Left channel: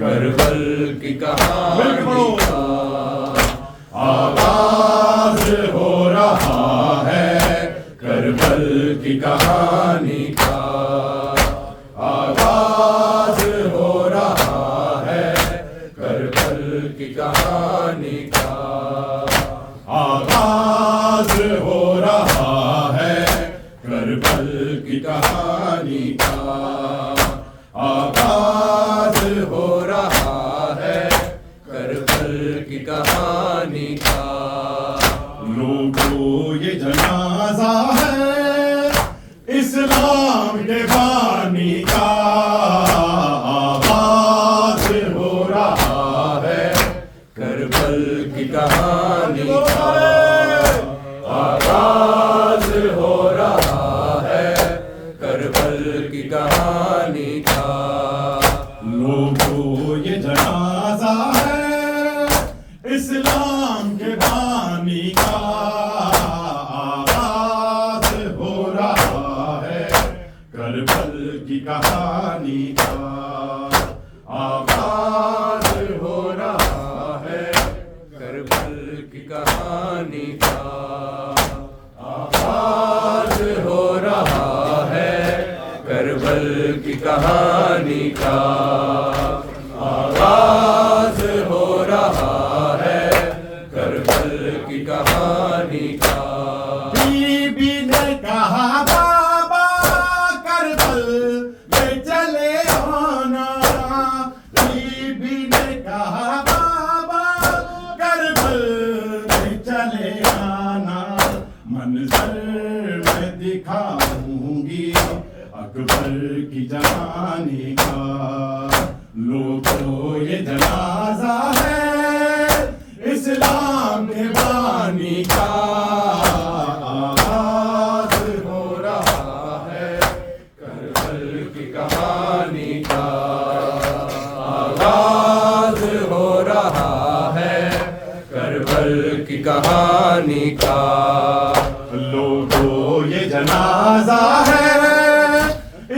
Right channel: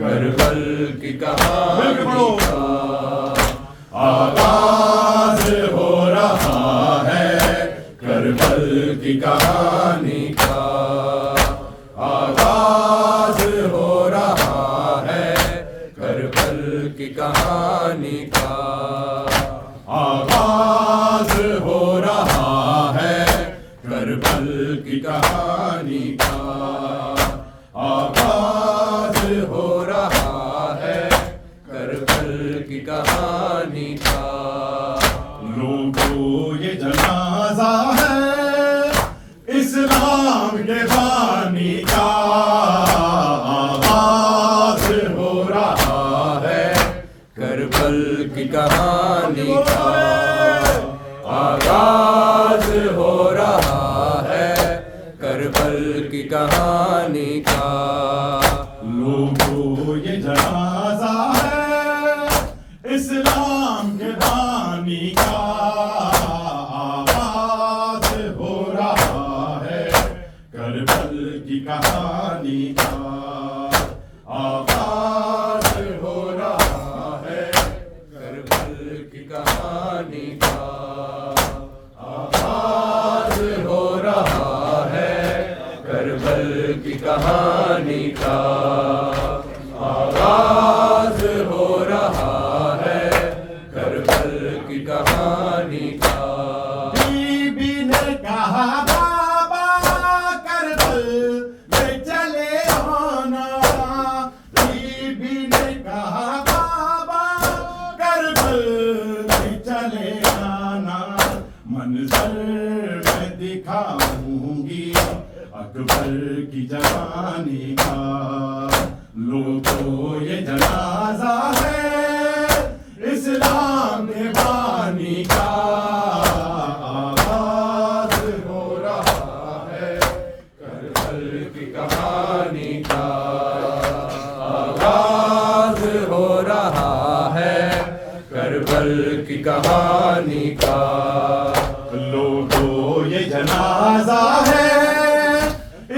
کربل کی کہانی کا آغاز ہو رہا ہے، کربل کی کہانی کا آغاز ہو رہا ہے، کربل کی کہانی کا آغاز ہو رہا ہے، کربل کی کہانی کا آغاز ہو رہا ہے، کربل کی کہانی کا لوگوں یہ جنازہ ہے اسلام کے بانی کا آغاز ہو رہا ہے، کربل کی کہانی کا آغاز ہو رہا ہے، کربل کی کہانی کا لوگوں یہ جنازہ ہے اسلام کے بانی کا آغاز ہو رہا ہے، کربل کی کہانی کا آغاز ہو رہا ہے، کربل کی کہانی کا آغاز ہو رہا ہے، کربل کی کہانی کا آغاز ہو رہا ہے، کربل کی کہانی کا بی بی نے کہا بابا کربل لے چلے آنا، بی بی نے کہا بابا کربل لے چلے آنا، منظر میں دکھاؤں گی اکبر کی جوانی کا لوگوں یہ جنازہ ہے اسلام کے بانی کا آغاز ہو رہا ہے، کربل کی کہانی کا آغاز ہو رہا ہے، کربل کی کہانی کا لوگوں یہ جنازہ ہے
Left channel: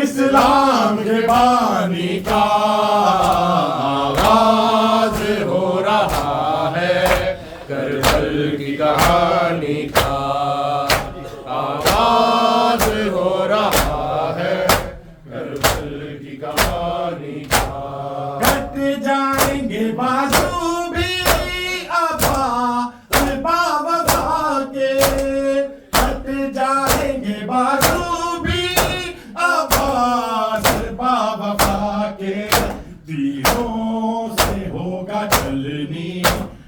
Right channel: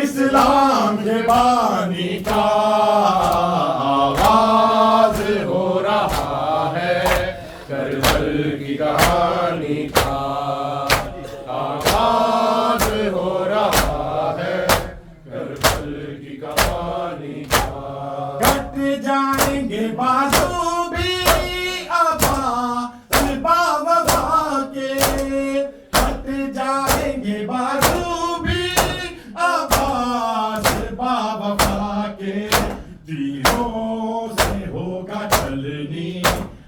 اسلام کے بانی کا آغاز ہو رہا ہے، کربل کی کہانی کا آغاز ہو رہا ہے، کربل کی کہانی کا کٹ جائیں گے بازو بھی عباس باوفا کے، کٹ جائیں گے بازو بھی عباس باوفا کے، تیروں سے ہوگا چلنی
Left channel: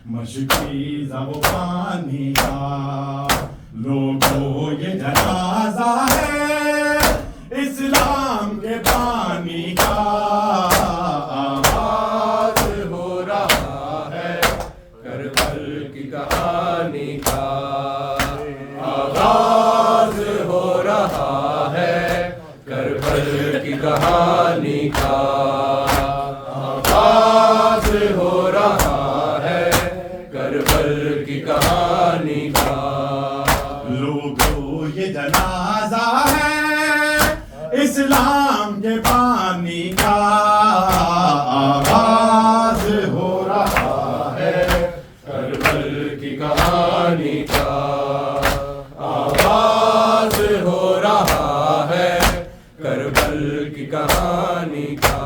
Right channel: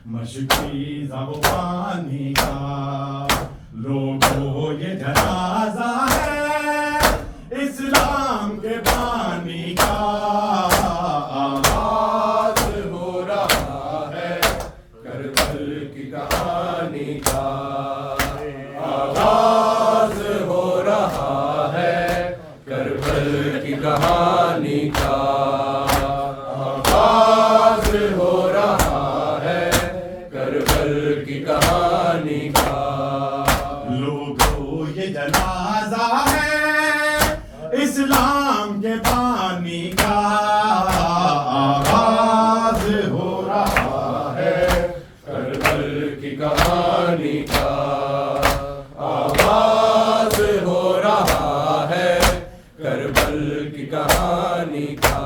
مشکی زبانی کا لوگوں یہ جنازہ ہے اسلام کے بانی کا آغاز ہو رہا ہے، کربل کی کہانی کا آغاز ہو رہا ہے، کربل کی کہانی کا آغاز ہو رہا ہے، کربل کی کہانی کا لوگوں یہ جنازہ ہے اسلام کے بانی کا آغاز ہو رہا ہے، کربل کی کہانی کا آغاز ہو رہا ہے، کربل کی کہانی کا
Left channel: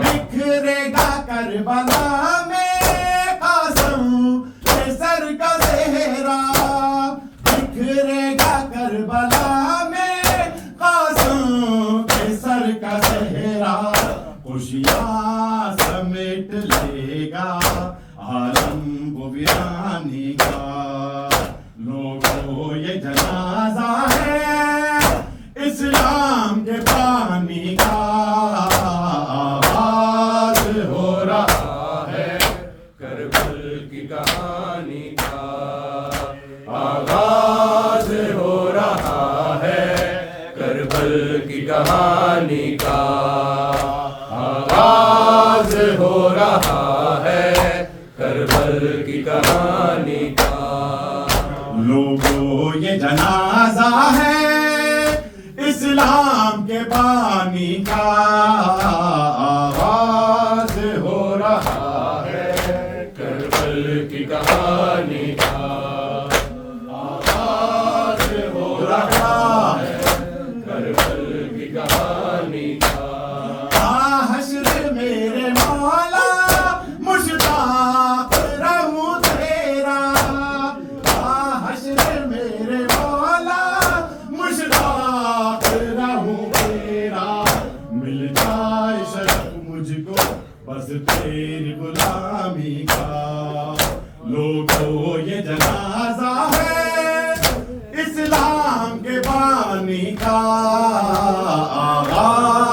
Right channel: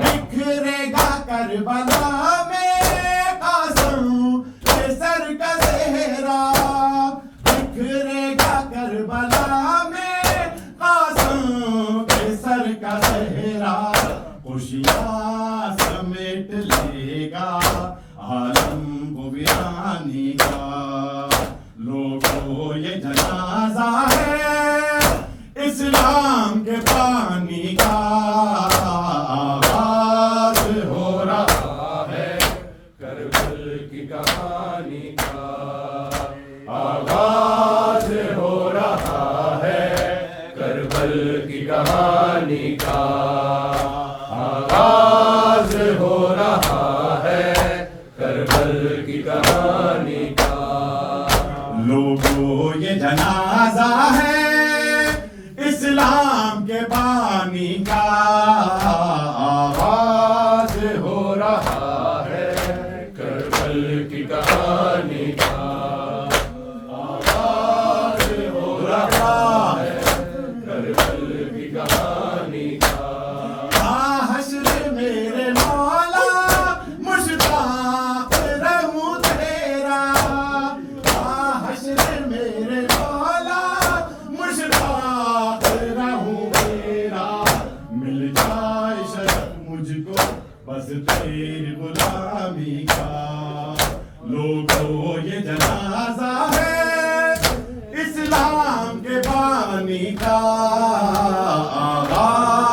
بکھرے گا کربلا میں قاسم کے سر کا زہرا، بکھرے گا کربلا میں قاسم کے سر کا زہرا، خوشیاں سمیٹ لے گا عالم کو ویرانی کا لوگوں یہ جنازہ ہے اسلام کے بانی کا آغاز ہو رہا ہے، کربل کی کہانی کا آغاز ہو رہا ہے، کربل کی کہانی کا آغاز ہو رہا ہے، کربل کی کہانی کا لوگوں یہ جنازہ ہے اسلام کے بانی کا آغاز ہو رہا شرف مجھ کو بس تیری غلامی کا. لوگوں یہ جنازہ ہے اسلام کے بانی کا. آغاز